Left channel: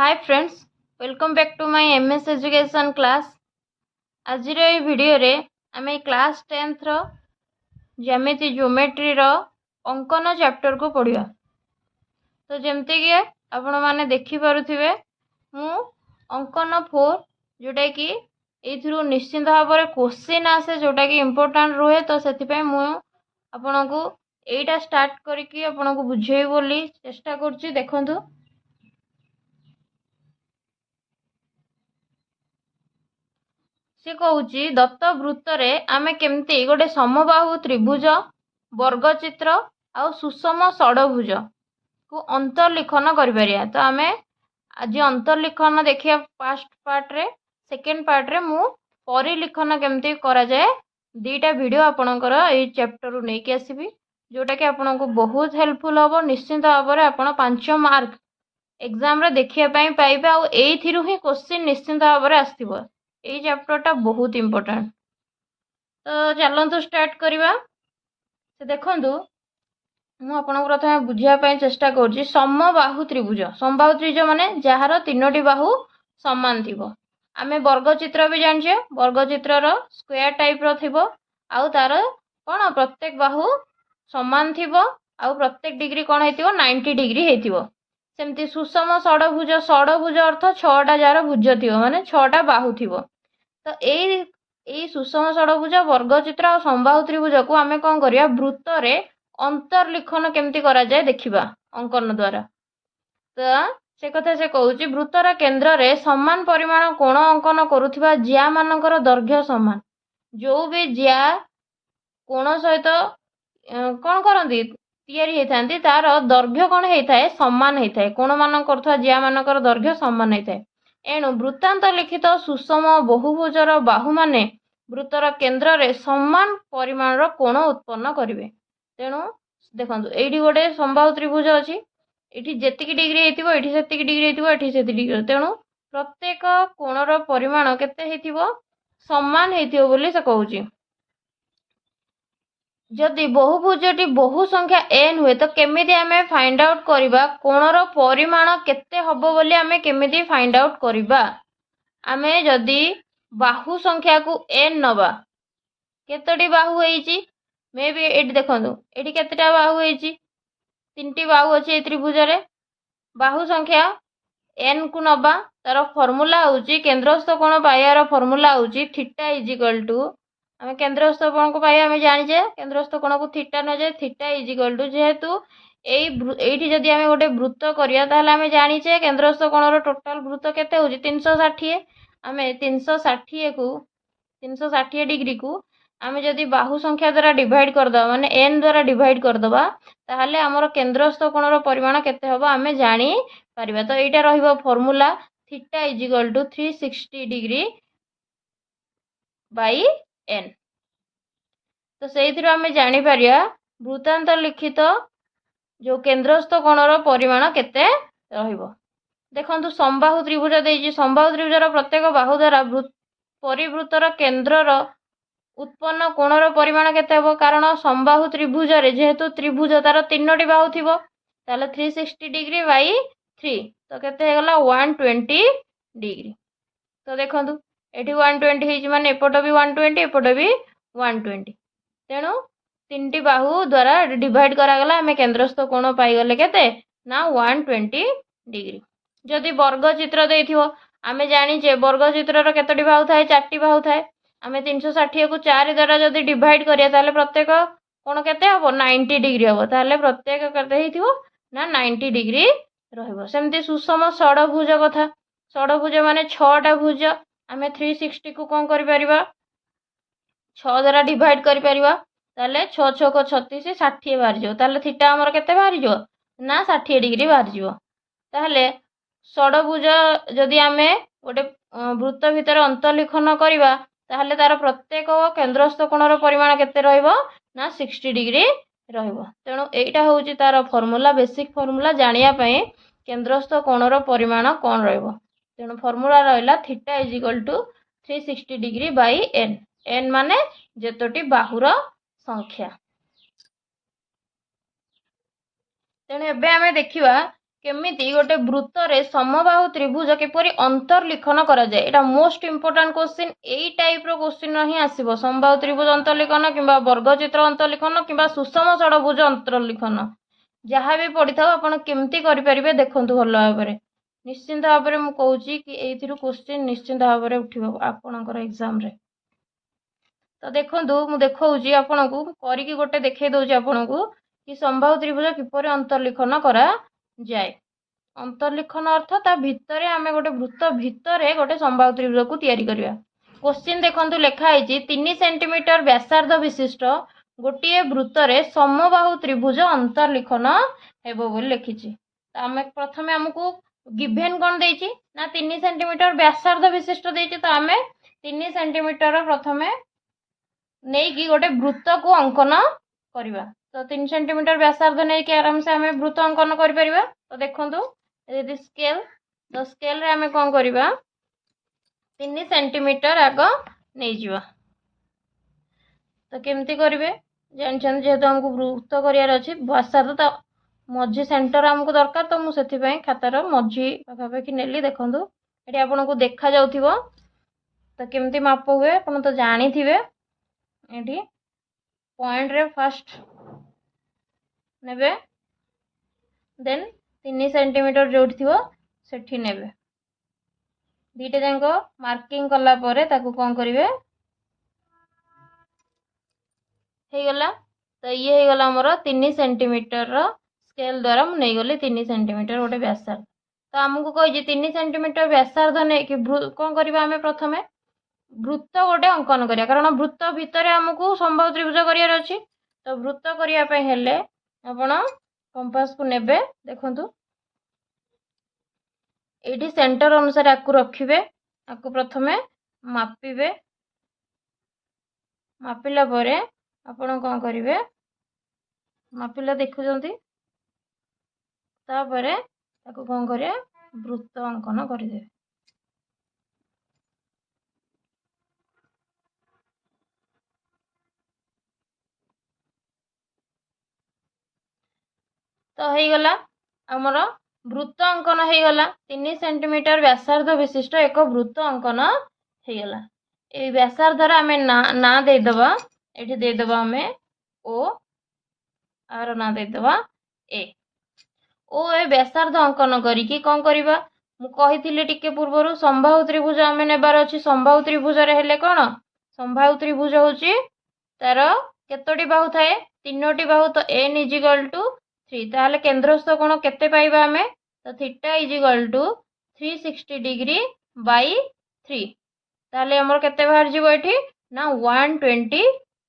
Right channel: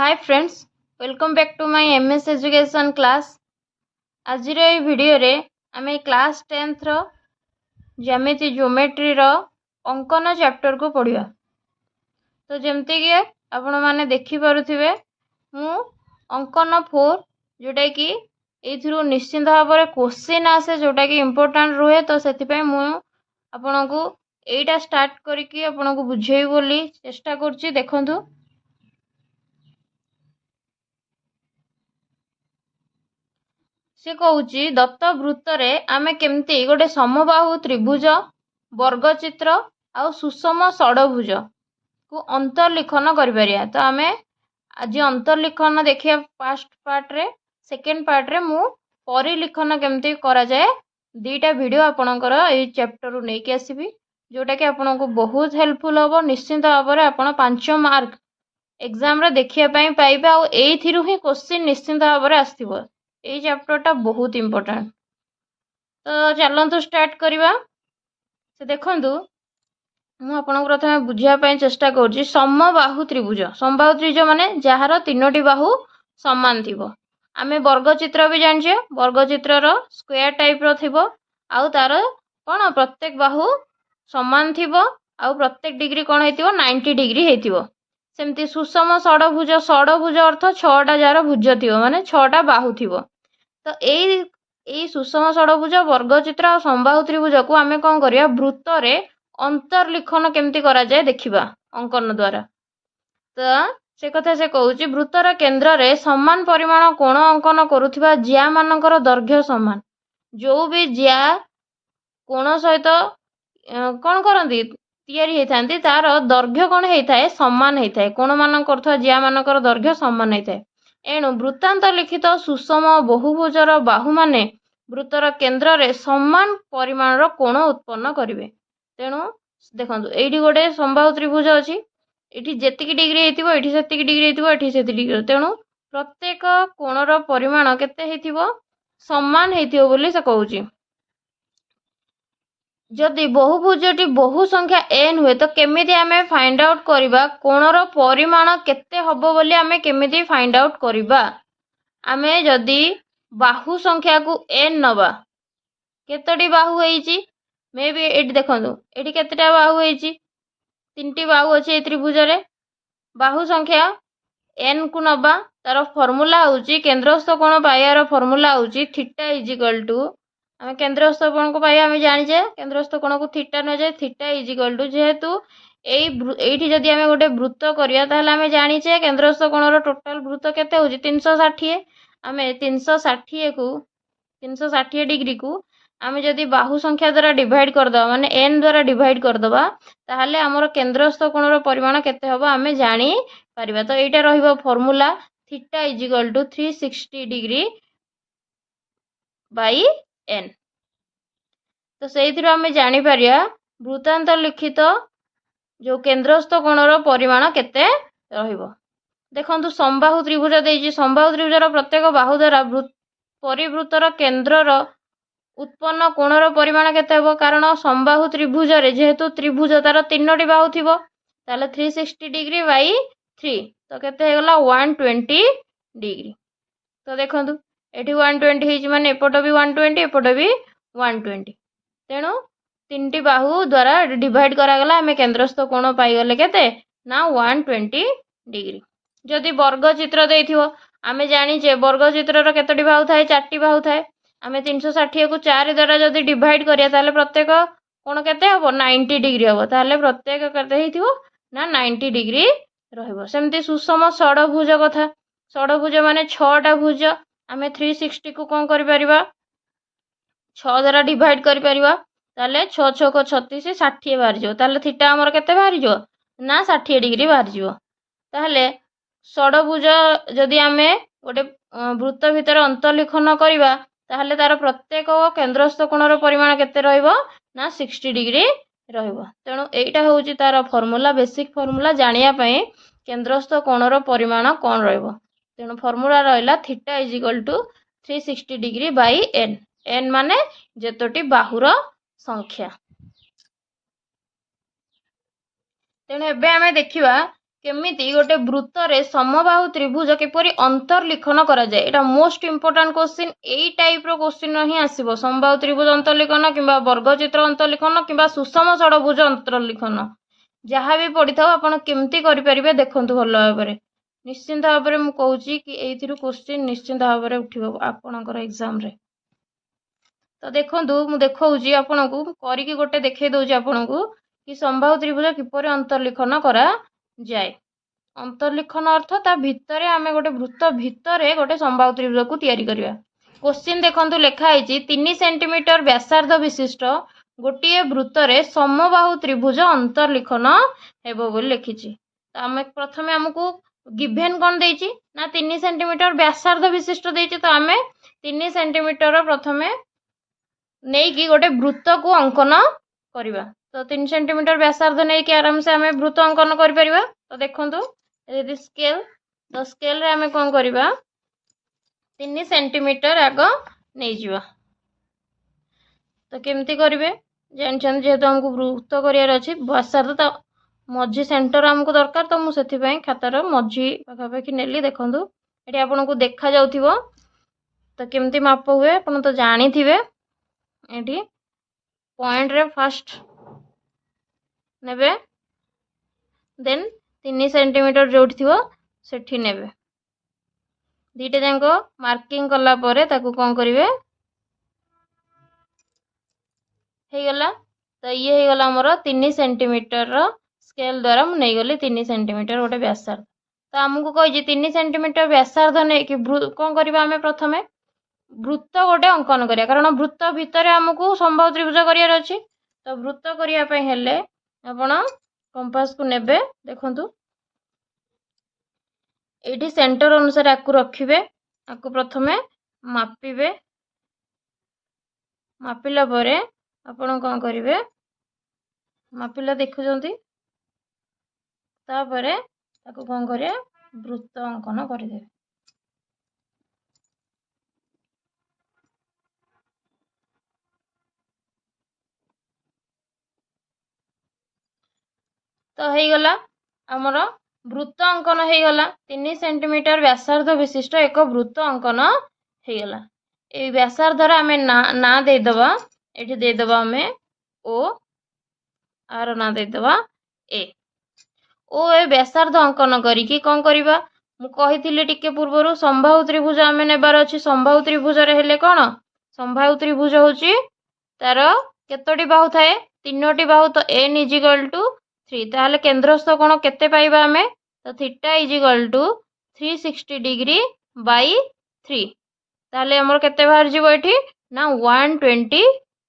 Hi friends, welcome back to my MS education class. आज video रे आम class 10th रो ज्यामिति ज्योमेट्री रो अंकन चैप्टर को पढ़िया। तो जमती कि आपण माने देखि पारुथिबे मु अंकन 4 जोटा कि एथुरु निश्चित भाव में क्वेश्चन आसे जोटा कि इम्पोर्टेंट रुहे। तो से मु आपण को एटा स्टार्ट करके आपण को बुझेई बोली चेष्टा करछि। देखंतु से कहूँ दत्त वृत्त आमे केमती गोटे समबाहु त्रिभुज वर्गचित्र आउ सुषम षडभुज को अंतर्लिखन करिपारिया। तो आमे आज अंतर्लिखन देखिया फर्स्ट पार्ट रे। सेकेंड पार्ट रे मु परिलिखन केमती करा जाए दीटा वीडियो आपणकर ए चैप्टर रु नेकी आसीबी, जोटा कि आपन को बहुत हेल्पफुल हम। निश्चिंत भाव में आप 5 मार्क एग्जाम रे देखिया पई पाइबे आ एथिरु ही क्वेश्चन निश्चिंत भाव में आसीबो। ये चैप्टरटा बहुत इम्पोर्टेंट। तो चलतु स्टार्ट करवा। से देखु मु आपन प्रथम बुझापी चेष्टा करुँच समबाहु त्रिभुज। समबाहु त्रिभुज माने जार 3टी बाहु समान थी। आम वर्गचित्र भी जाने वर्गचित्र स्क्वायर टाइप रो आउ तार कौन प्रत्येक बाहु समान थी आउ प्रत्येक डिग्री कौन हो 90 डिग्री हो। सेमती सुषम षडभुज, षडभुज अर्थ 6टा जार भुज थी माने 6टा बाहु थी। तो यही सुषम षडभुज वर्गचित्र और समबाहु त्रिभुज को आम कौन करिया वृत्त रे अंतर्लिखन केमती करा जाए देखिबा अंकन द्वारा। तो से कथा से कहूँ वृत्तर केन्द्र रे समान परिमाण कोण अंकन करुथिबा ज्या मानकर दैर्घ्य समान। जो भी ज्या कोण सहित कौन करती तैयारी होती तार दैर्घ्य कौन होता है समान होता है। कोण मान करुवा ज्या मानकर दैर्घ्य समान होता है। एणु वृत्तांत लिखित सुषम बहुभुजर बाहु माने वृत्तर केन्द्र रे समान परिमाण कोण उत्पन्न करेंगे। तेणु देखो ये गोटे समबाहु त्रिभुज अच्छी ये जेतिकी डिग्री होती ये सेतिकी डिग्री होती से डिग्री। तेणु प्रत्येक कोणर परिमाण केते समान होती बोली से कहूँ। जदि बहुभुजटी बहु संख्या n हुए तो केमिति आमे फाइंड आउट करिबा कोणर परिमाण केते हबो बोली आमे केमिति फाइंड आउट करिबा। आमे जदि बाहु संख्या को n नबा केतोटी बाहु होईची मे बी एटी देखंतु एटी केतेटा बाहु होईची 3टी बाहु अछि ए त्रिभुज रे। बाहु संख्या n को नबा तार फार्मूला होची केंद्रस्थ कोण पाइबार फार्मूला होची थीटा इज इक्वल टू आम केंद्रस्थ कोण को पाइबा आम जानिचे केंद्रस्थ कोण को थीटा न जाए थीटा इज इक्वल टू जेहेतु एठी जदि आम गोटे वृत्त करिया ताहले आम जानिचे केंद्रस्थ कोणर टोटाल वृत्त केते होची 360। आम 360 डिग्री को आम जदि बाहु संख्या द्वारा डिवाइड करदबा माने n द्वारा डिवाइड करदबा ताहले हमर केंद्रस्थ कोणर परिमाण केते हबो आम जानि पारिबा। तो एटा रहिबो formula theta is equal to 360 degree by n। तो से आम जापर वृत्तांत लिखित जो केंद्रस्थ कोणर परिमाण केते रहिबो। देखंतु समबाहु त्रिभुज देइछि समबाहु त्रिभुजर प्रत्येक बाहु द्वारा परिवृत्तर केन्द्रर उत्पन्न कोणर परिमाण केते हबो। कारण समबाहु त्रिभुज रे जेहेतु त्रिभुज तार 3टी बाहु थिबो ताले 360 डिग्री बाई 3 तो केते हेगला 120 डिग्री। तो देखंतु एठी 120 होइछि माने एपट भी 120 एपट भी 120। तेणु 3टी बाहु द्वारा डिवाइड करागला आम केंद्रस्थ कोण पाइगले केते ना 120 डिग्री। जदि वर्गचित्र देइथिबो आम जानिचे वर्गचित्र केतोटी बाहु थाए 4टी बाहु थाए। आम 360 को 4 द्वारा जदि डिवाइड करिया ताले प्रत्येक कोण केते हबो 90 डिग्री हबो। ताले प्रत्येक केते हेइथिबो ना 90 डिग्री रहइबो। सेमती सुषम षडभुज कथा षडभुज माने 6टा भुज आम 360 को कोन करि परिबा 6 द्वारा डिवाइड करि परिबा ताले 6 6 को 36 60 बाहर जो ताले थीटा हमर केते बाहर जो ना 60 डिग्री बाहर जो। ताले षडभुज जदि आमे गोटे वृत्त भितर अंतर्लिखन करिबा ताहले तार प्रत्येक केंद्रस्थ कोणर परिमाण केते रहइबो ना 60 डिग्री रहइबो। तेणु एटा होउची तार फार्मूला बेसिक फार्मूला जानिया पई केंद्रस्थ कोणर परिमाण कोन रहइबो। तेणु फार्मूला रहला theta is equal to 360 degree by n। n माने जेतोटी बाहुर संख्या। तेणु एबे आमे देखिबा केमिति गोटे वृत्तरे समबाहु त्रिभुज किपरि अंतर्लिखन करा जाए एटा मोस्ट इंपोर्टेंट क्वेश्चन एई टाइप रो क्वेश्चन ही आसीबो समबाहु त्रिभुज अंतर्लिखन किंबा वर्गचित्र अंतर्लिखन किंबा सुषम षडभुज अंतर्लिखन जहाँ भी पड़ी था आपण केमती करि परिबे देखंतु भल भाबरे निश्चिंत भाबरे मु कहूची कि एइथिरु क्वेश्चन निश्चिंत भाबरे उठिबो आपणकर एग्जाम रे। तो देखंतु मु देखौची आपणकू करिकि गोटे देखै दउची आपणकू कि समबाहु त्रिभुज किपरि अंतर्लिखन करा जाए। अंतर्लिखन अर्थ ता भितरे आमे गोटे वृत्त भितरे गोटे समबाहु त्रिभुज को तैयारी करिया। क्वेश्चन देखंतु लेखा आइछि 3 सेंटीमीटर व्यासार्ध विशिष्ट गोटे वृत्तरे समबाहु त्रिभुज अंतर्लिखन हेबो बोली लिखिछि। तो आमे प्रथमे हमकू गिवन कोन देछि ना 3 सेंटीमीटर व्यासार्ध विशिष्ट देछि। तो आमे 3 सेंटीमीटर प्रथमे नहीं कि गोटे वृत्त को अंकन करिवा। तो 3 सेंटीमीटर व्यासार्ध नहीं कि आराम से आमे वृत्त अंकन करि परिबा। तो देखंतु यदि स्केल तो स्केल रे आमे कोन करिबा 3 सेंटीमीटर आग नहीं जिवा। तो केमती करिवे जानछन जेहेतु हमको वृत्त करियार अछि व्यासार्ध तो मझी सेंटर हमको दरकार। तो मु सेथि पई खातार मझी पाखापाखि नेली देखंतु एठी आपनको देखा जाउथिबो। तो केमती माप हुए आपण तो जानी थिबे एठी पॉइंट रे फर्स्ट नेबे देन 3 सेंटीमीटर जोठी थिबो सेठी नेबे दीटा जांको मार्किंग कला परे ताकू कोन करिवे हे गला। तो ये हे गला हमर 3 सेंटीमीटर रो स्केल द्वारा मु नै गली 3 सेंटीमीटर गोटे व्यासार्ध। तो हमकू कहि 3 सेंटीमीटर व्यासार्ध नै कि कोन करबा हमें प्रथमे वृत्त गोटे अंकन करिया कारण वृत्त भितर हमकू समबाहु त्रिभुज करियार अछि। तो वृत्त करिया पय हेले आपण कंपास को नेबे देखंतु एठी सेंटर अनुसार आकु रखिबे आकु प्रथमे मापिबे मापिला परे आपण कोन करिवे मापिला देखुजंती तापरे ताकु कोन करिया वृत्त अंकन करिदेबे। तो हे गला हमर वृत्त अंकन हे गला 3 सेंटीमीटर व्यासार्ध विशिष्ट एक वृत्त अंकन हे गला। ए व्यासार्ध रा हमें ना दे दबा एठी दे दबा हमें ओ आर ना दे दबा ए ओ ए व्यासार्ध अंकन करी कि कोन करबा मु कहिथिले टिके पूर्वरु समबाहु त्रिभुज हमें नेबार अछि। समबाहु त्रिभुज रे हेले कोन समबाहु त्रिभुज होची तार केतोटी बाहु थाए 3टी बाहु। तो n = 3 ताहले केंद्रस्थ कोण केते पाइबा हमें तो थीटा = 360 डिग्री बाई 3 ताहले हमर केते बाहर जिवो एठी ना 120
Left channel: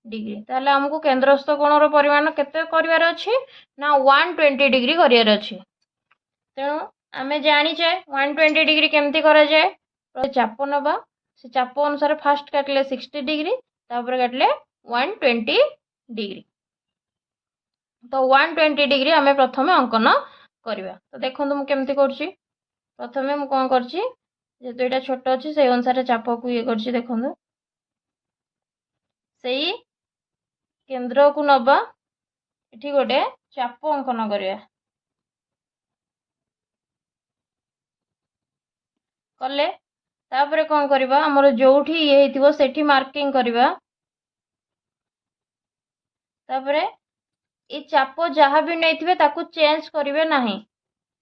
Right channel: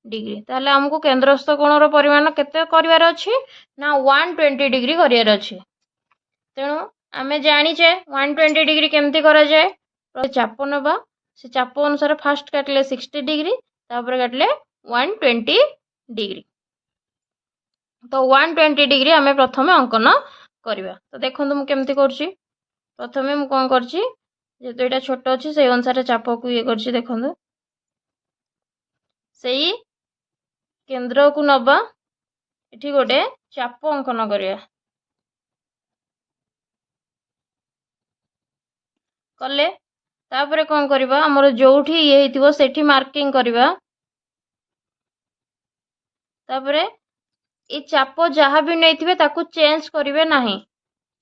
डिग्री। ताहले हमकू केंद्रस्थ कोणर परिमाण केते करिवार अछि ना 120 डिग्री करिवार अछि। तेणु आमे जानि छे 120 डिग्री केमती करा जाए चाप नबा से चाप अनुसार फास्ट काटले 60 डिग्री तापर काटले 120 डिग्री। तो 120 डिग्री आमे प्रथमे अंकन करबा। तो देखंतु मु केमती करछि प्रथमे मु कोन करछि जेतो एटा छोट अछि से अनुसार चाप को ये करछि देखंतु सेही केंद्र को नबा एठी गोटे चाप अंकन करबा कले तापरे कोन करबा हमर जोठी ये हेतिबो सेठी मार्किंग करबा। तापरे ए चाप जहाँ भी नहीं थिबे ताकू चेंज करिवे नाही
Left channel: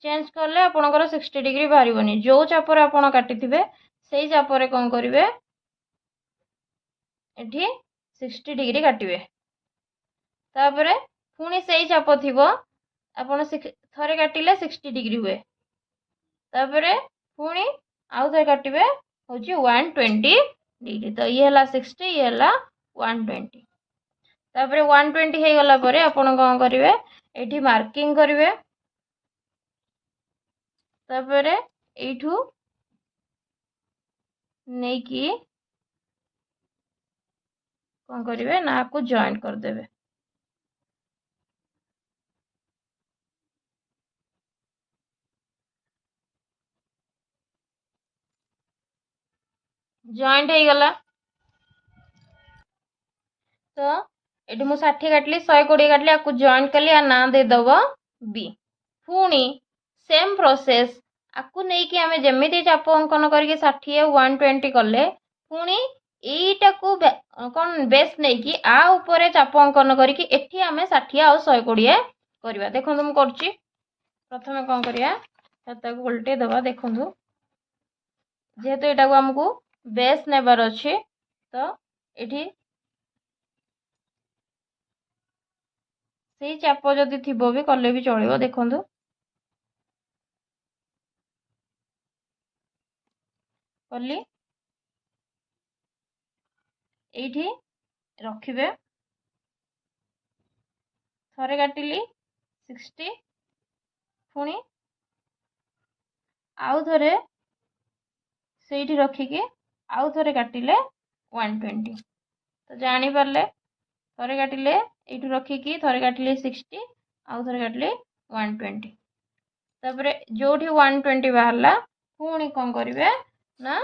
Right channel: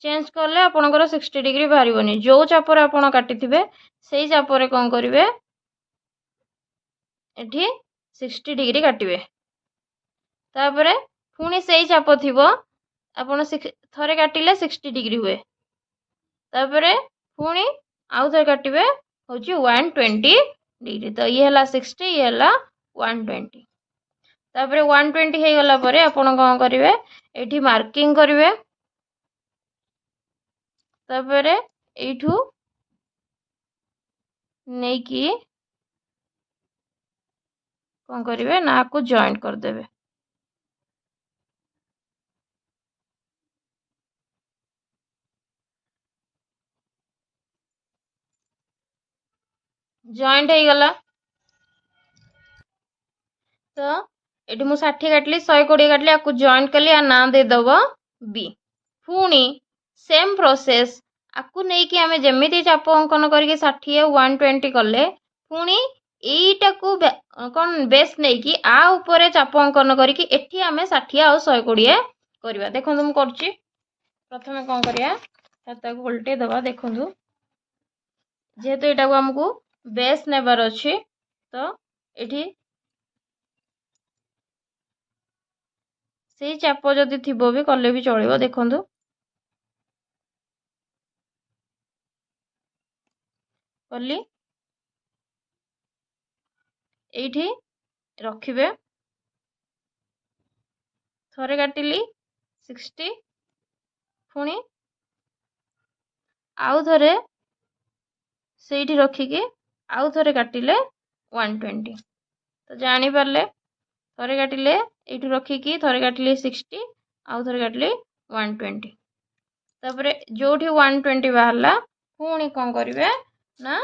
चेंज करले आपनकर 60 डिग्री बाहरिबनी जो चाप रे आपण काटिथिबे सेही चाप रे कोन करिवे एठी 60 डिग्री काटिबे। तापरे पुनी सेही चाप थिबो आपण थरे काटिले 60 डिग्री हुए तापरे पुनी आउ थरे काटिबे होची 120 डिग्री। तो ये हला 60 ये हला 120 तापरे 120 हे गला परे आपण कोन करिवे एठी मार्किंग करिवे। तापरे एठू नै कि कोन करिवे ना को जॉइंट कर देबे। जॉइंट हे गला तो एठी मु 60 काटली 120 काटली आपको जॉइंट कली आ ना दे दबो बी पुनी सेम प्रोसेस आकु नहीं कि आमे जेमिति चाप अंकन करके 60 120 कले पुणी एटा को कौन बेस नहीं कि आ ऊपर चाप अंकन करके एठी आमे 60 आ 120 करवा। देखो तुम करछि प्रथमे कौन करिया छाता को उल्टे दबा। देखो जेहेतु एटा को हमको बेस नेबार अछि तो एठी सेही चाप जदि थिबो भी कले भी चलिबो। देखो कली एठी रखिबे थरे काटिली 60 पुणी आउ थरे सेठी रखिके आउ थरे काटिले 120 तो जानी पारले थरे काटिले एठू रखिकी थरे काटिले 60 आउ थरे काटिले 120 तापरे जोठी 120 बाहरला पुणी कौन करिवे ना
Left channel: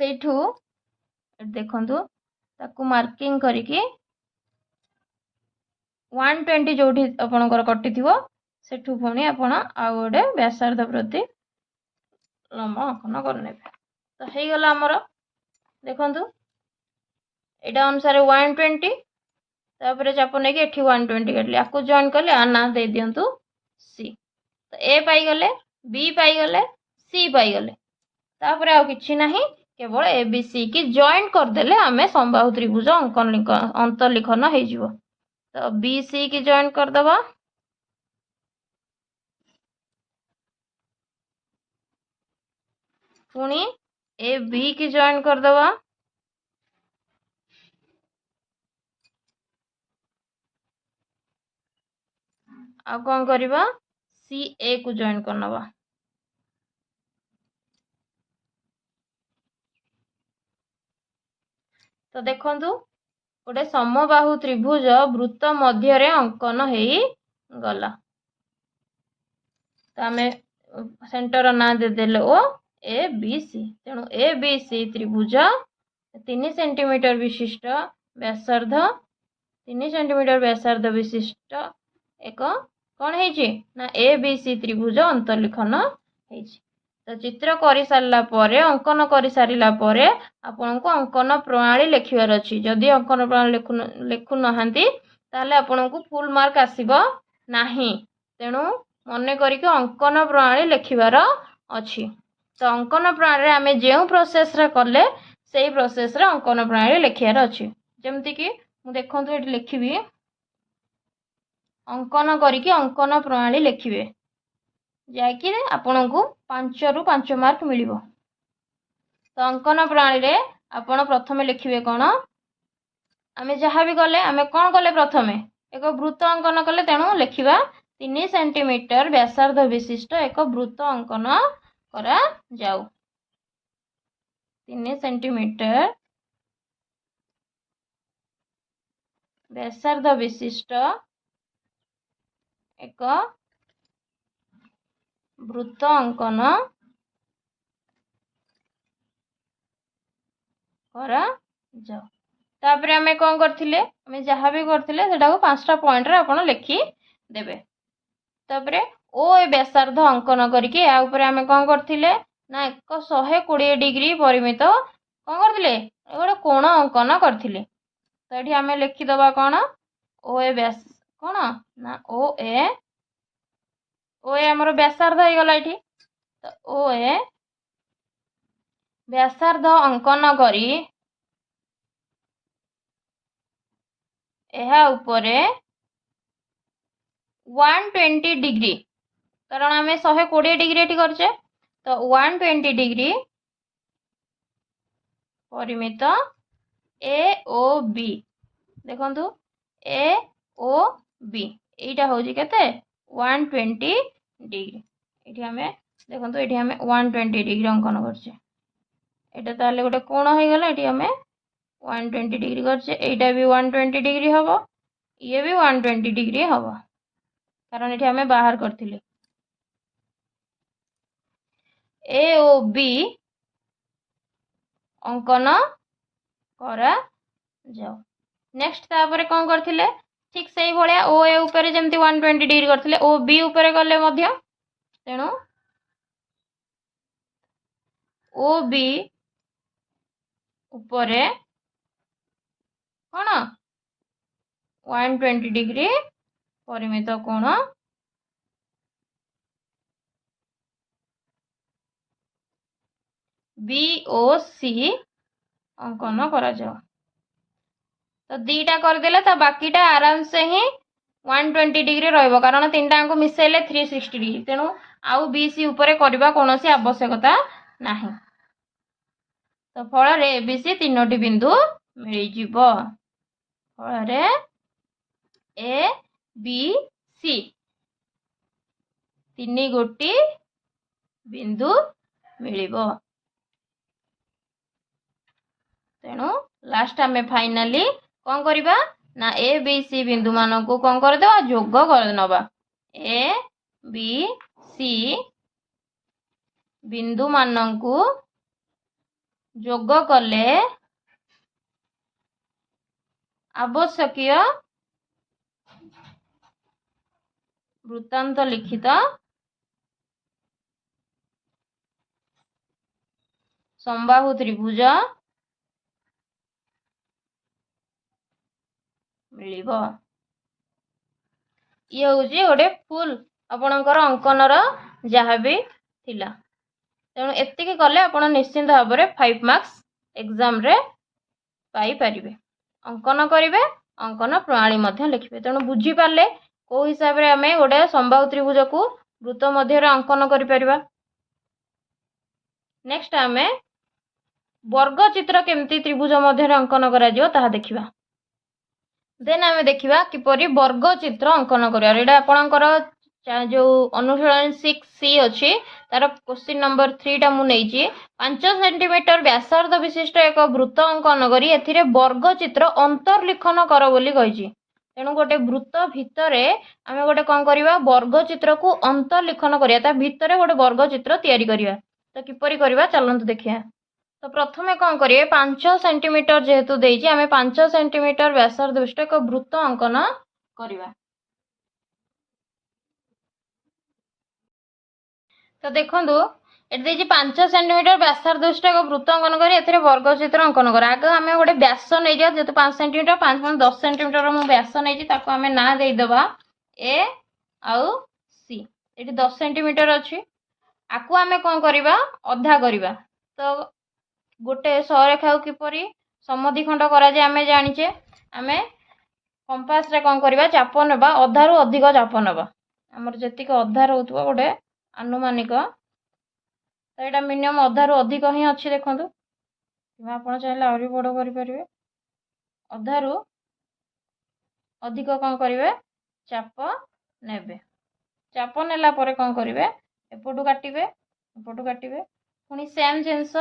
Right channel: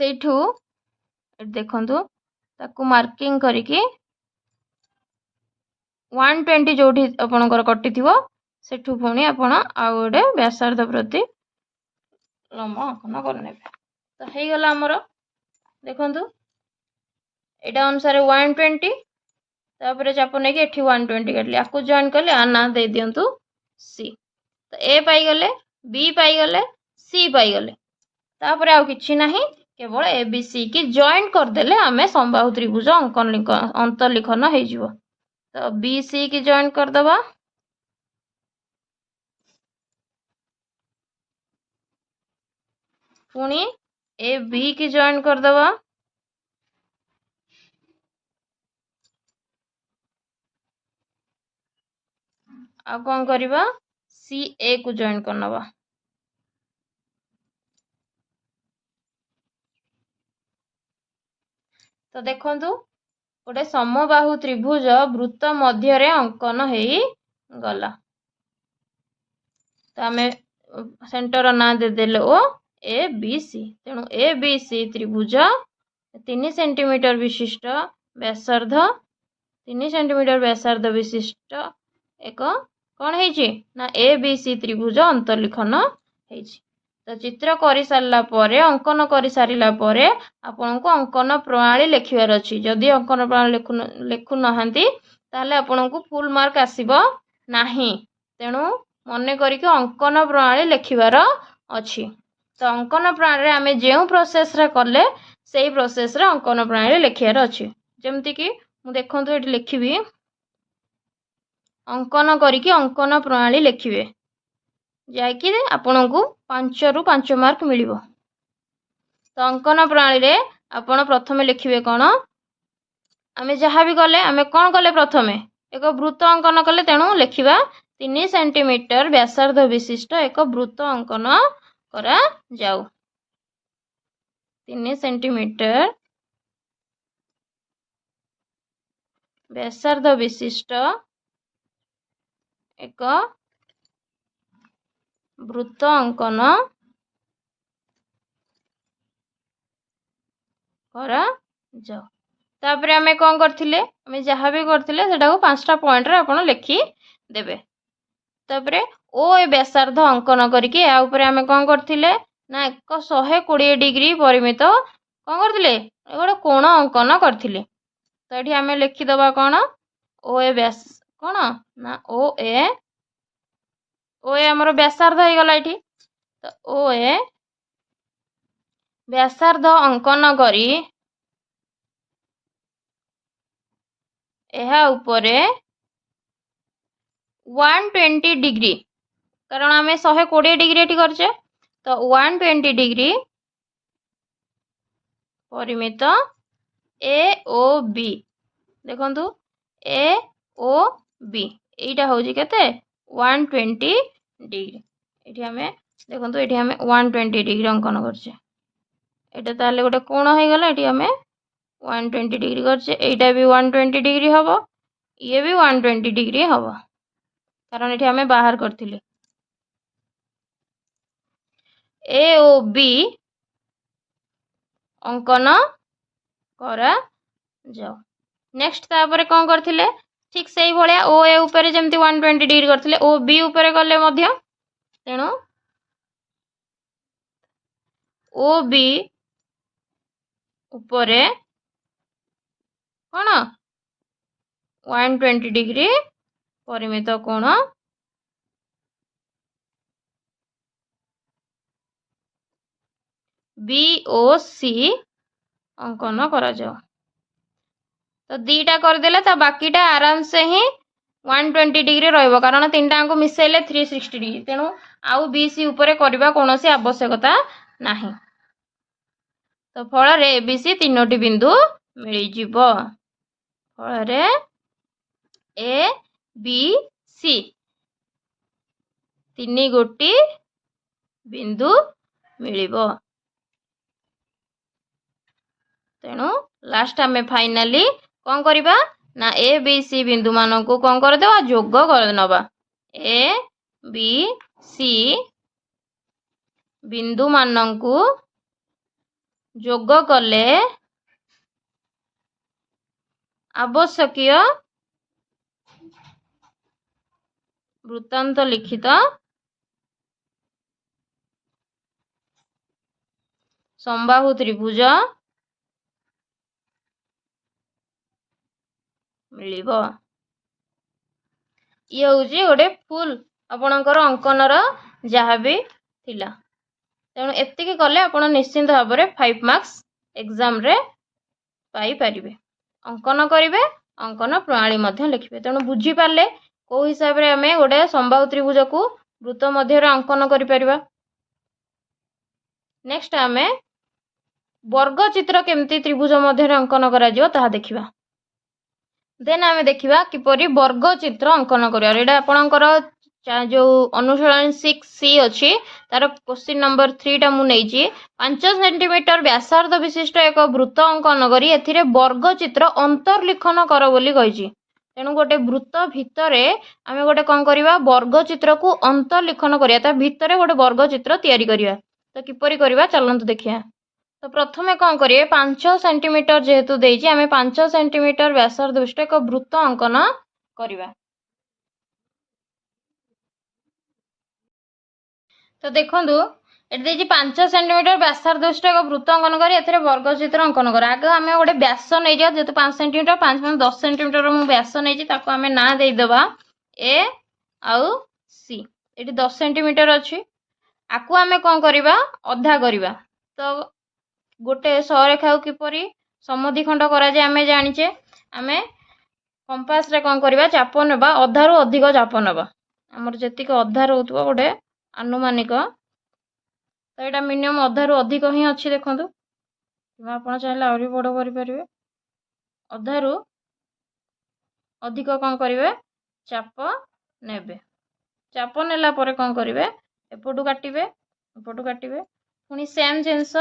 सेठू देखंतु ताकू मार्किंग करिकी 120 जोठी आपणकर कटि थिवो सेठू पुणी आपण आउ गोटे व्यासार्ध प्रति लंब अंकन करने तो हो गला आमर। देखंतु एटा अनुसार 120 तापर चाप नहीं कि 120 काटली आपको जॉइन कले आ ना दे दियंतु सी तो ए पाई गले बी पाई गले सी पाई गले तापर आ किछि नाही केवल ए बी सी की जॉइन कर देले हमें समबाहु त्रिभुज अंकन अंतर्लिखन हो जिवो। तो बी सी की जॉइन कर दबा पुणी ए बी की जॉइन कर दबा आ कौन करिबा सी ए को जॉइन करनबा। तो देखंतु गोटे समबाहु त्रिभुज वृत्त मध्य रे अंकन हेई गला। तो आमे सेंटर ना दे देले ओ ए बी सी तेणु ए बी सी त्रिभुज 3 सेंटीमीटर विशिष्ट व्यासार्ध 3 सेंटीमीटर व्यासार्ध विशिष्ट एक कौन है ना ए बी सी त्रिभुज अंतर्लिखन है। तो चित्र कर सारा अंकन कर सारा आपन को अंकन प्रणाली लिखार अच्छी जदि अंकन प्रणाली लिखु ना ताले आपन को फुल मार्क आसीबो नाही तेणु मन करके अंकन प्रणाली लिखार अच्छी। तो अंकन प्रणाली आम जो प्रोसेस रे कले से प्रोसेस रे अंकन प्रणाली लिखार अच्छी जमती कि मु देखो ये लिखी अंकन करके अंकन प्रणाली लिखिए जैकि आपण को 5 रु 5 मार्क मिलिबो। तो अंकन प्रणाली रे आपण प्रथमे लिखिए कौन आमे जहाँ भी कले आमे कौन कले प्रथमे एक वृत्त अंकन कले तेणु लिखिबा 3 सेंटीमीटर व्यासार्ध विशिष्ट एक वृत्त अंकन करा जाऊ। 3 सेंटीमीटर व्यासार्ध विशिष्ट एक वृत्त अंकन करा जाओ। तापर आमे कौन करथिले आमे जहाँ भी करथिले सेटा को 5टा पॉइंट रे आपण लिखि देबे। तापर ओ ए व्यासार्ध अंकन करके आ ऊपर आमे कौन करथिले ना 120 डिग्री परिमित कौन करथिले गोटे कोण अंकन करथिले। तो ये आमे लिखि दबा कौन ओ ए व्यास कौन ना ओ ए हमर व्यासार्ध हो गला एठी। तो ओ ए व्यासार्ध अंकन करी एहा उपरे 120 डिग्री कारण आमे 120 डिग्री एठी करछे तो 120 डिग्री परिमित ए ओ बी देखंतु ए ओ बी एटा होजी केते 120 डिग्री एठी आमे देखंतु एठी आमे 120 डिग्री अंकन करछे एटा ताले गोटे कोण हो गला एठी आमे 120 डिग्री करछे एटा भी 120 डिग्री हबो ये भी 120 डिग्री हबो कारण एठी आमे बाहर करथिले ए ओ बी अंकन करा जाओ। नेक्स्ट तापर कौन करथिले ठीक से भाया ओ ए ऊपर जमती 120 डिग्री करते ओ बी ऊपर गले तेणु ओ बी ऊपर कौन 120 डिग्री परिमित कोण BOC अंकन करा जाओ। तो दीटा करदेले तो बाकीटा आराम से ही 120 डिग्री रहिबो कारण तीनटा को मिसेले 360 डिग्री तेणु आउ BC ऊपर करबा कोनोसी आवश्यकता नाही। तो फल रे ABC तीनोटी बिंदु मिल जिवो। फल रे ABC तीन गोटी बिंदु मिलिबो। तेणु लास्ट आम फाइनाली कौन करबा ना ए बी सी बिंदु मान को कौन करदे जोग कर नबा ए बी सी बिंदु मान को जोग कले आवश्यकीय वृत्तांत लिखित समबाहु त्रिभुज मिलिबो। ये हूँ गोटे फुल आपणकर अंकनर जहाँ भी थिला तेणु एतिकी कले आपण निश्चिंत भाव में 5 मार्क्स एग्जाम रे पाई परिबे। अंकन करिवे अंकन प्रणाली मध्य लिखिबे। तेणु बुझी पारले को हिसाब रे आमे गोटे समबाहु त्रिभुज को वृत्त मध्य रे अंकन करि परिबा। नेक्स्ट आमे वर्ग चित्र केमती त्रिभुज मध्य रे अंकन करा जिवो ताहा देखिबा। देन आमे देखिबा किपरि वर्ग चित्र अंकन करिया। एटा आपणकर जो अनुशीलन 6C अच्छी तार क्वेश्चन नंबर 3 टा मु नेइची 5 सेंटीमीटर व्यासार्ध विशिष्ट एक वृत्त अंकन करी एथिरे वर्ग चित्र अंतर्लिखन कर बोली कहिची। तेणु गोटे वृत्त भितरे आमे गोटे कौन करिबा वर्ग चित्र को अंतर्लिखन करिया ता भितरे गोटे वर्ग चित्र तैयारी करिया। तो किपरि करिबा चलंतु देखिया। तो प्रथमे कौन करिए 5 सेंटीमीटर जेहेतु देइची आमे 5 सेंटीमीटर व्यासार्ध विशिष्ट एक वृत्त अंकन करिबा। तो देखंतु एट देइची 5 सेंटीमीटर व्यासार्ध विशिष्ट एक वृत्त अंकन करी एथिरे वर्ग चित्र अंकन कर। आगे आमे गोटे व्यास नै जा जेतु 5 सेंटीमीटर 5 मान 10 सेंटीमीटर मु व्यास नै जी ताको आमे ना देई देबा ए आउ सी। एटी 10 सेंटीमीटर अछि आकु आमे कोन करिबा अधा करिबा। तो गोटे सरेखा किपरि समद्विखंड करा जाय आमे जानिचे आमे कंपास रे कोन करिबा चाप नेबा अधा रु अधिक चाप नेबा हमर जेतिक अधा रहउतबो गोटे आनुमानिक। तो एटा मिनिमम अधा रु अधिक ही अछि देखंतु आपण चाहले आउरी बड़ करि परिबे। अधा रु अधिक कोन करिवे चाप नेबे। चाप नेला परे कोन करिवे एपटू काटिबे पुनी सेम जिंस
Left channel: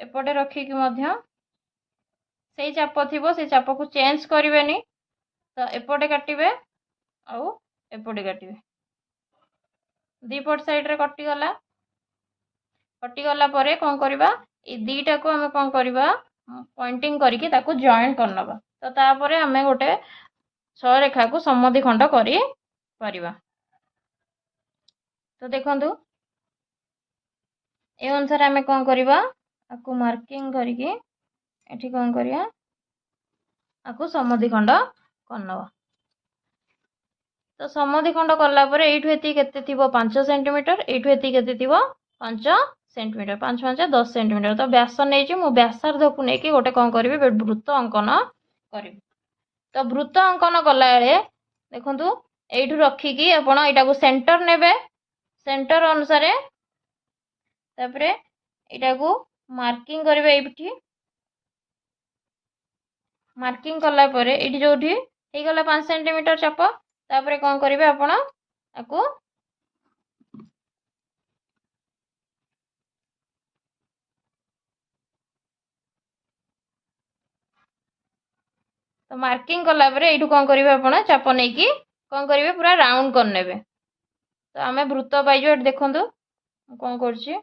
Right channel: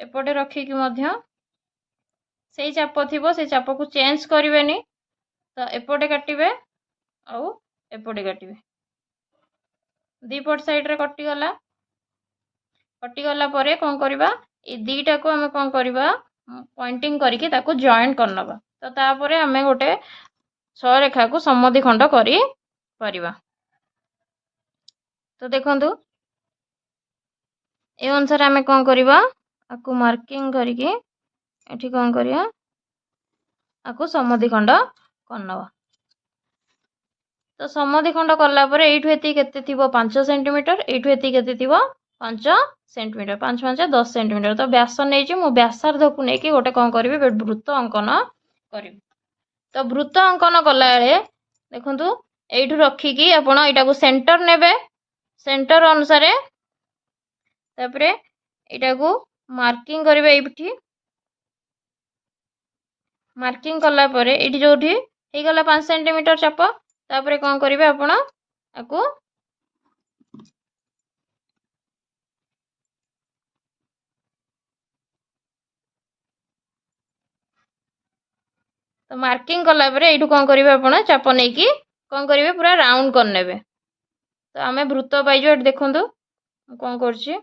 एपटे रखिकी मध्य से चाप थिबो से चाप को चेंज करिवेनी। तो एपटे काटिबे आउ एपटे काटिबे दीपट साइड रे कटि गला परे कोन करबा ए दीटा को हमें कोन करबा पॉइंटिंग करके ताको जॉइन करनबा। तो तापरे हमें गोटे सरेखा को समद्विखंड करि परिबा। तो देखंतु ए अनुसार हमें कोन करबा आकु मार्किंग करके एठी कोन करिया आकु समद्विखंड करनबा। तो समद्विखंड करला परे एठु एति केते थिबो 5 सेंटीमीटर एठु एति केते थिबो 5 सेंटीमीटर 5 5 10 सेंटीमीटर। तो व्यास नै छी मु व्यासार्ध को नै कि गोटे कोन करबी वृत्त अंकन करबी। तो वृत्त अंकन कला बेले देखंतु एठु रखी कि आपण एटा को सेंटर नेबे सेंटर अनुसार तापरे एटा को मार्किंग करिवे। एठी मार्किंग कला परे एठी जोठी हे गला 5 सेंटीमीटर चाप तापरे कोन करिवे आपण आकु तो मार्किंग कला परे एठु कोन करिवे आपण चाप नै कि कोन करिवे पूरा राउंड कर नेबे। तो आमे वृत्त पाइजो एठी देखंतु कोन करछि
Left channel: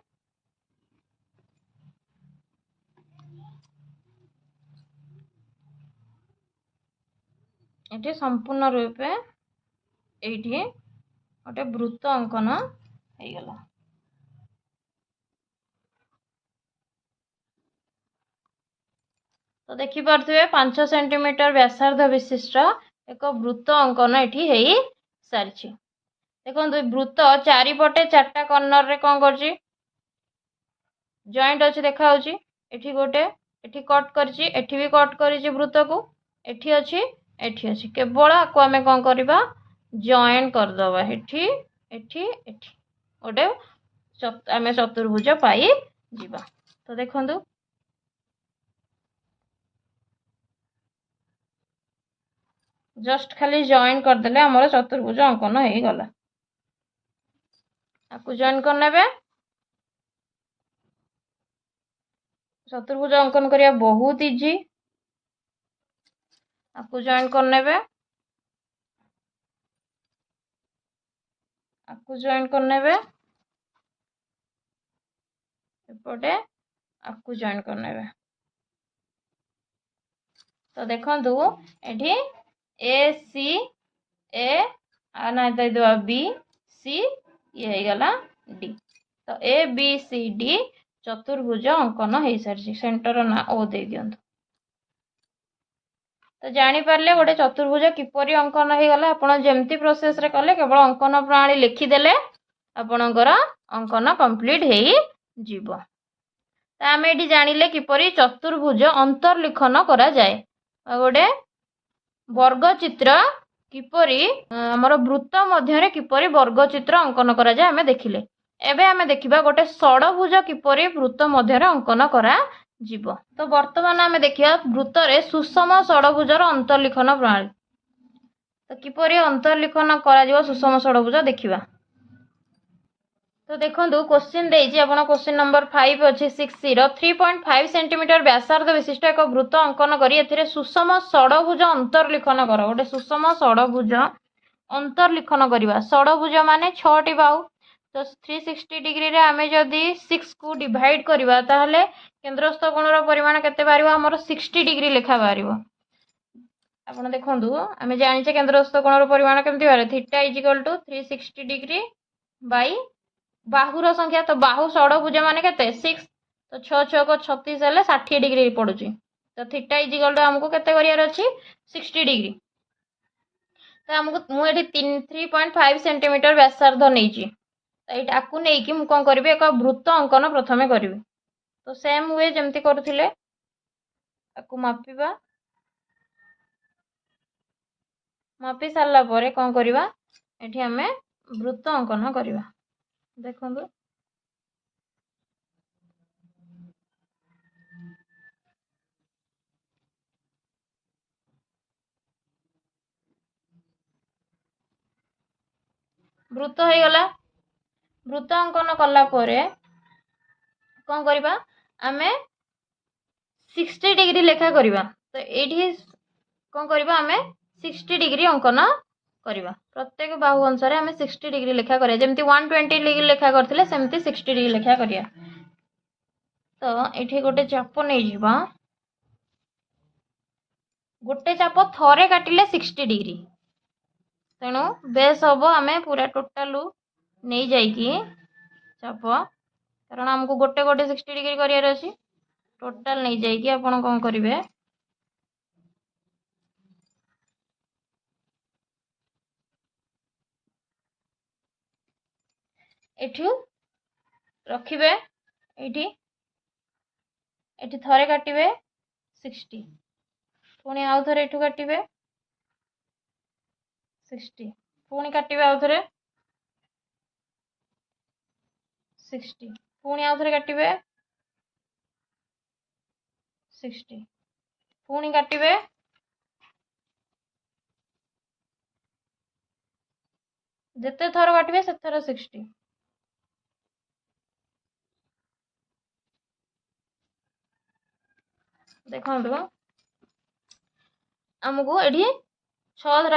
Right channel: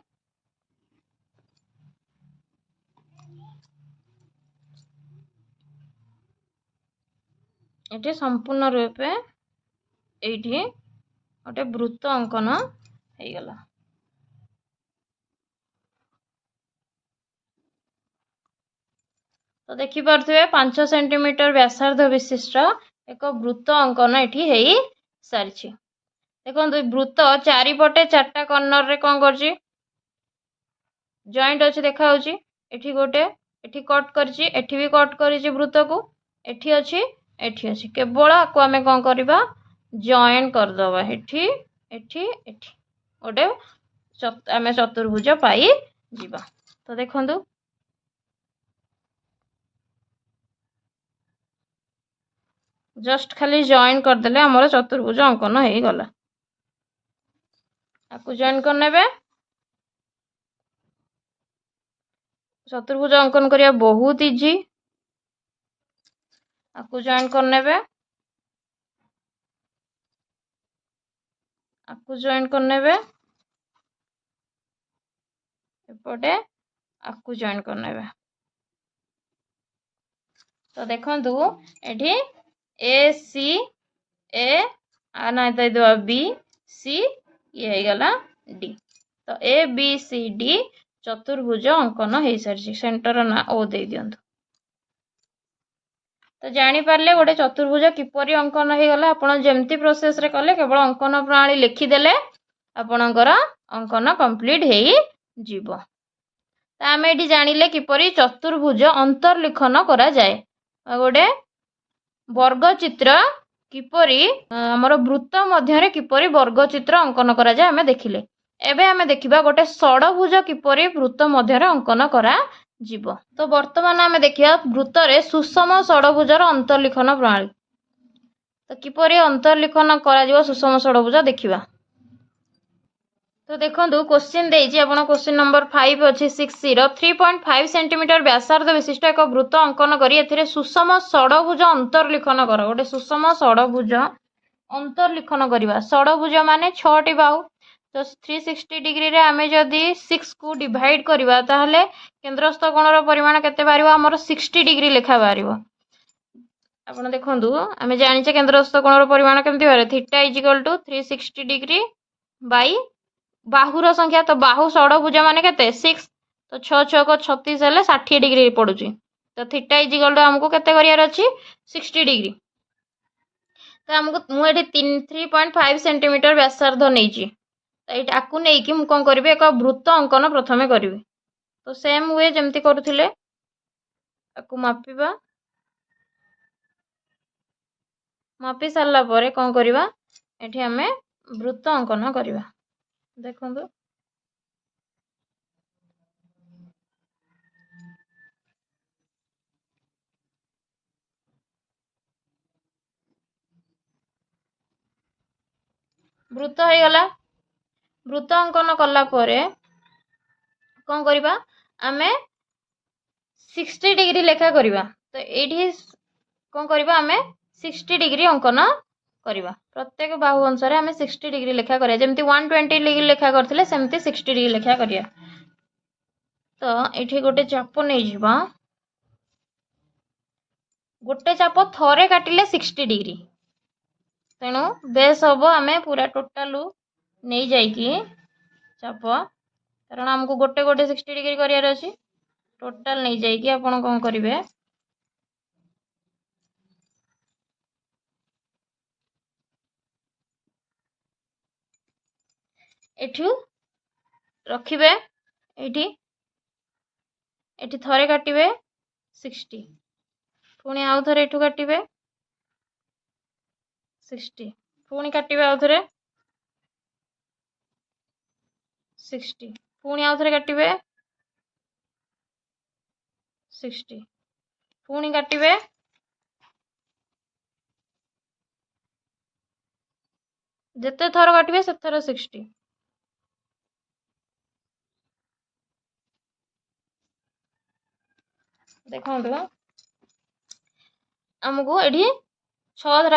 ଏଠି ସମ୍ପୂର୍ଣ୍ଣ ରୂପେ ଏଇଠି ଗୋଟେ ବୃତ୍ତ ଅଙ୍କନ ହେଇଗଲା। ତ ଦେଖିପାରୁଥିବେ 5 ସେଣ୍ଟିମିଟର ବ୍ୟାସାର୍ଦ୍ଧ ବିଶିଷ୍ଟ ଏକ ବୃତ୍ତ ଅଙ୍କନ ଏଠି ହେଇ ସାରିଛି। ଦେଖନ୍ତୁ ବୃତ୍ତ ଚାରିପଟେ 4ଟା କର୍ଣ୍ଣରରେ କ'ଣ କରୁଛି, ଜଏଣ୍ଟ ଅଛି ଦେଖାଯାଉଛି। ଏଠି ଗୋଟେ, ଏଠି କଟ୍ କରିଛି, ଏଠି ବି କଟ୍ କରିଛି ବୃତ୍ତକୁ, ଏଠି ଅଛି, ଏଠି ଅଛି। କେବଳ ଆକୁ ଆମେ କ'ଣ କରିବା, ଜଏଣ୍ଟ କରିଦେବା। ଏଠି ଏଠି ଏଠି ଗୋଟେ ଆମେ ଚତୁର୍ଭୁଜ ପାଇଯିବା। ତ ଦେଖନ୍ତୁ ଜଷ୍ଟ ଖାଲି ଜଏଣ୍ଟ କରିଦେଲେ ଆମର ଚତୁର୍ଭୁଜ ଅଙ୍କନ ହେଇଗଲା। ଆକୁ ଜଏଣ୍ଟ କରିନେବେ। ଚତୁର୍ଭୁଜ ଅଙ୍କନ କରିବା ବହୁତ ଇଜି। ଆକୁ ଜଏଣ୍ଟ କରିନେବେ, ଆକୁ ଜଏଣ୍ଟ କରିନେବେ, ଏପଟେ ଆକୁ ଜଏଣ୍ଟ କରିନେବେ। ତ ଦେଖନ୍ତୁ ଏଠି ए सी ए ना ଦେଇଦେବା बी सी ये ହେଇଗଲା डी। तो ए बी सी डी चतुर्भुज अंकन हो सारी। सेंटर ना ओ दे दियंतु। तो जानीपारे गोटे चतुर्भुज किपरि अंकन हो गला। आपण जमती प्रोसेस रे कले केवल अंकन प्रणाली लिखिदेले आपणकर अंकन कंप्लीट हो जीवो। तो आम ये जानिले किपरि चतुर्भुज अंतर्लिखन करा जाए। गोटे वर्गचित्र किपरि हमर वृत्त मध्य किपरि वर्गचित्र अंकन करा जाए आमे देखिले। एबे आमे देखिबा गोटे षडभुज किपरि वृत्त मध्य अंकन करा जीवो। तो वर्तमान आमे देखिबा वृत्त रे सुषम षडभुजर अंतर्लिखन प्रणाली। तो किपरि अंतर्लिखन करा जीवो सुषम षडभुज देखिबा। तो देखो क्वेश्चन देछि आपण क्वेश्चन नंबर 5 अछि 60 3.5 सेंटीमीटर व्यासार्ध विशिष्ट एक वृत्त अंकन करी एथिरे सुषम षडभुज अंतर्लिखन कर। गोटे सुषम षडभुज अंतर्लिखन करबा। षडभुज माने 6 टी बाहु। तो 360 डिग्री रे आमे जदी 6 को डिवाइड करबा ताहले केंद्रस्थ कोणर परिमाण केते बारिबो हमर 60 डिग्री लेखा बारिबो। आपण देखंतु आमे जानिचे केंद्रस्थ कोणर परिमाण केमति बारे थीटा = 360 डिग्री बाई बाहुर संख्या। तो बाहु षडभुज माने केते 6। तो 6 6 को 36 हेले 60 डिग्री पडुची। तो थीटा = हमको केते करियार अछि 60 डिग्री। तो हमको मु एठी 3.5 सेंटीमीटर व्यासार्ध नेइची। एटा आकु नै कि मु कोन करबे एक वृत्त अंकन प्रथमे करबे। तो सेम वे जेमति करूथिले आकु मापिबा। मापी सारला परे कोन करबा एठी हमें वृत्त अंकन करबा। देखंतु वृत्त हो गला। वृत्त अंकन कला परे कौन करबा आमे 60 डिग्री लेखा करबा। तो एठी कौन करबा आमे 60 डिग्री अंकन करबा। प्रत्येक बाहु अनुसार आमे 60 डिग्री लेखा करिया। जेमति 120 डिग्री लेखा करथिले सेमति 60 डिग्री लेखा करिया। तो एठी गोटे चाप नै जिबा। गोटे चाप थरे काटिले 60 डिग्री। तेणु बेस हम आमे पूरा टोटाल नहीं जाइकी चाप कारण हमको गोटे गोटे 60 डिग्री करियार अछि। टोटाल नहीं जाइकी आपण कोन करिवे एठू रखिबे। एठी एठी थरे काटिबे 60 पुणी आउ थरे एठू काटिबे 60 पुणी काटिबे आउ थरे 60 पुणी आउ थरे काटिबे 60 पुणी काटिबे जेते थर काटिबे से थर 60। देखंतु हमको एठी 6 थर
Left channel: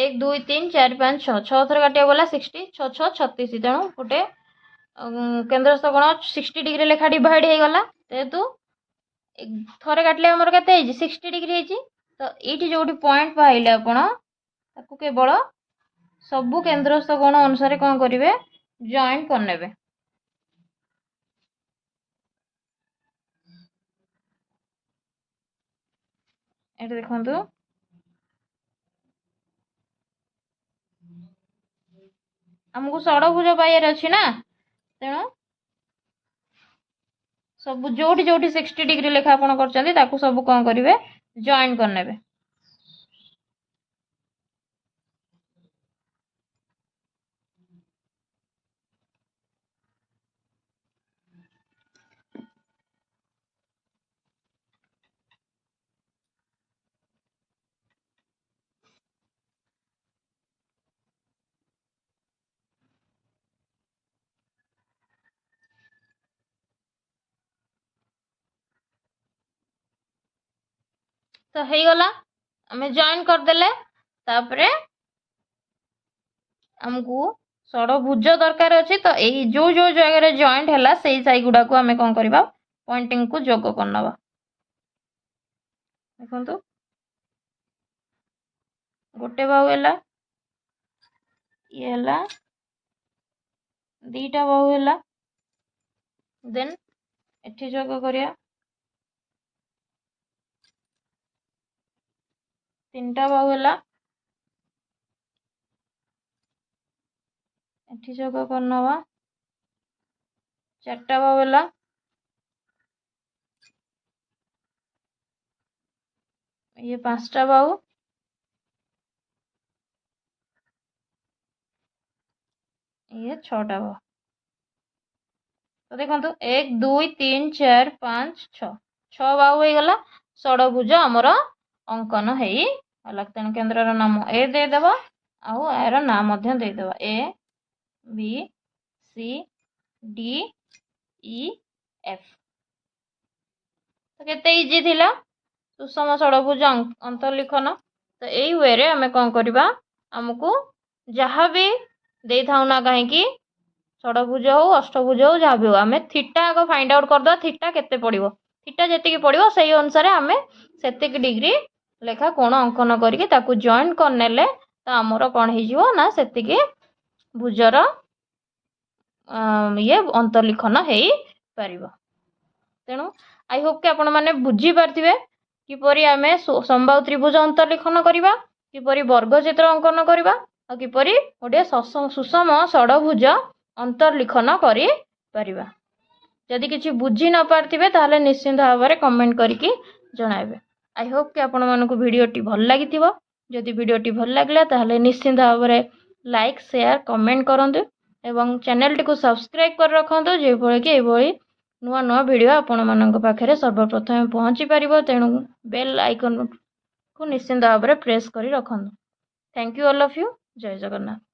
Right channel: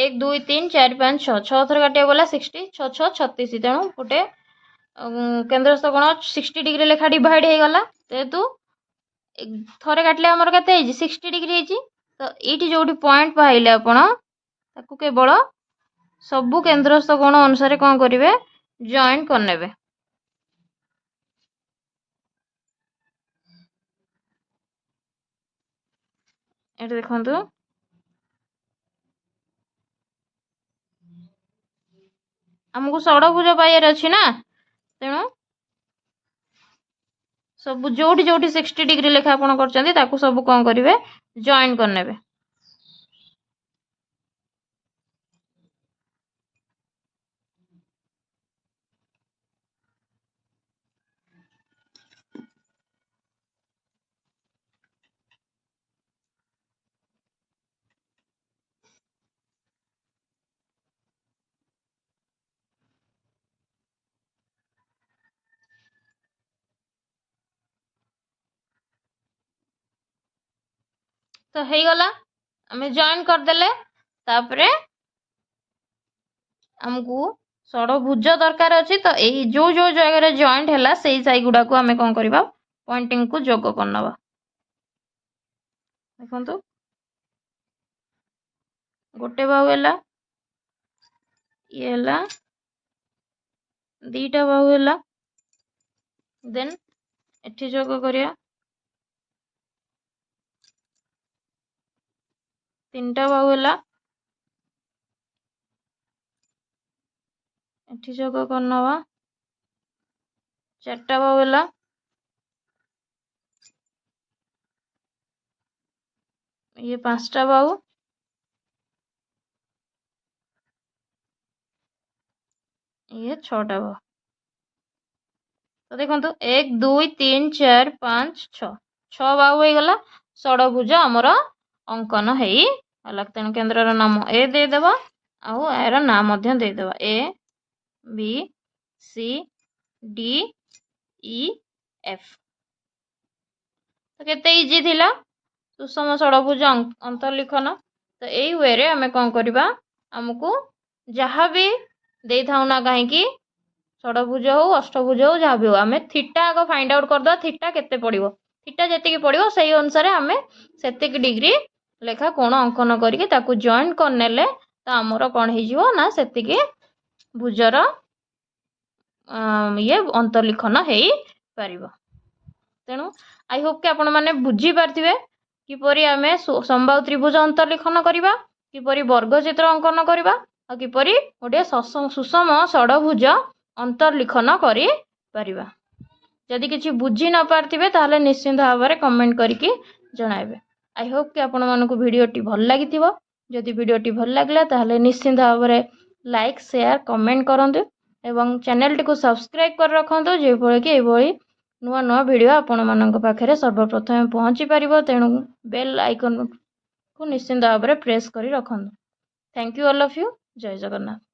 1 2 3 4 5 6 6 थर काटिया गला 60 6 6 36। तेणु गोटे केंद्रस्थ कोण 60 डिग्री लेखा डिवाइड हो गला। जेहेतु थरे काटले हमर केते 60 डिग्री। तो ये जो पॉइंट पाइले आपण ताकू केवल सबु केंद्रस्थ कोण अनुसार कौन करेंगे जॉइन करने। देखु आमको षडभुज पाइबार अच्छी ना, तेणु सब जोटी जोटी 60 डिग्री लेखा आपण कर सब कौन करेंगे जॉइन करने। तो हो गला आम जॉइन करदेले तापरे आमको षडभुज दरकार अच्छी। तो यही जो जो जगह जॉइंट है से साई गुड़ा को आम कौन करवा पॉइंटिंग को जोग करना। देखो गोटे बाहु है ये दीटा बाहु है देन एठी जोग करिया तीनटा बाहु है एठी जोग करना चारटा बाहु है ये पांचटा बाहु ये छटा बाहु। तो देखो 1 2 3 4 5 6 6 बाहु हो गला षडभुज आमर अंकन है। तेणु केन्द्र नाम ए देदेव आउ यार नाम देदेव A B C D E F. तो केते इजी थिला सुषम षडभुज अंतर्लिखन। तो यही वे रे आमे कौन करवा आमको जहाँ भी दे था ना कहीं षडभुज हो अष्टभुज हो जहाँ भी हो आम थीटा आग फाइंड आउट करदे थीटा केते पड़ो थीटा जी पड़ो से अनुसार आम से डिग्री लेखा कोण अंकन करके जॉइन करने तो आमर कौन हो से भुजर ये अंतर्लिखन हो पार। तेणु आई होप कि आपण मैंने बुझी पारे किपरि आम समबाहु त्रिभुज अंतर्लिखन करवा किपरि वर्गचित्र अंकन करवा और किपरि गोटे सुषम षडभुज अंतर्लिखन करि परिबा। जदि किछि बुझी न पारथिबे ताहले निश्चित भाव में कमेंट करके जणाइबे। आई होप कि आपण मानकु वीडियोटी भल लागिथिबो। जदि वीडियोटी भल लागला ताहले निश्चित भाव में लाइक शेयर कमेंट करंतु एवं चैनल टी को सब्सक्राइब कर रखंतु जे भଳି कि एभଳି नुआ नुआ वीडियो आपण मानक पाखरे सर्वप्रथम पहुंची पारिबो। तेणु बेल आइकन को निश्चित भाव में प्रेस करी रखंतु। Thank you all of you. जय जगन्नाथ।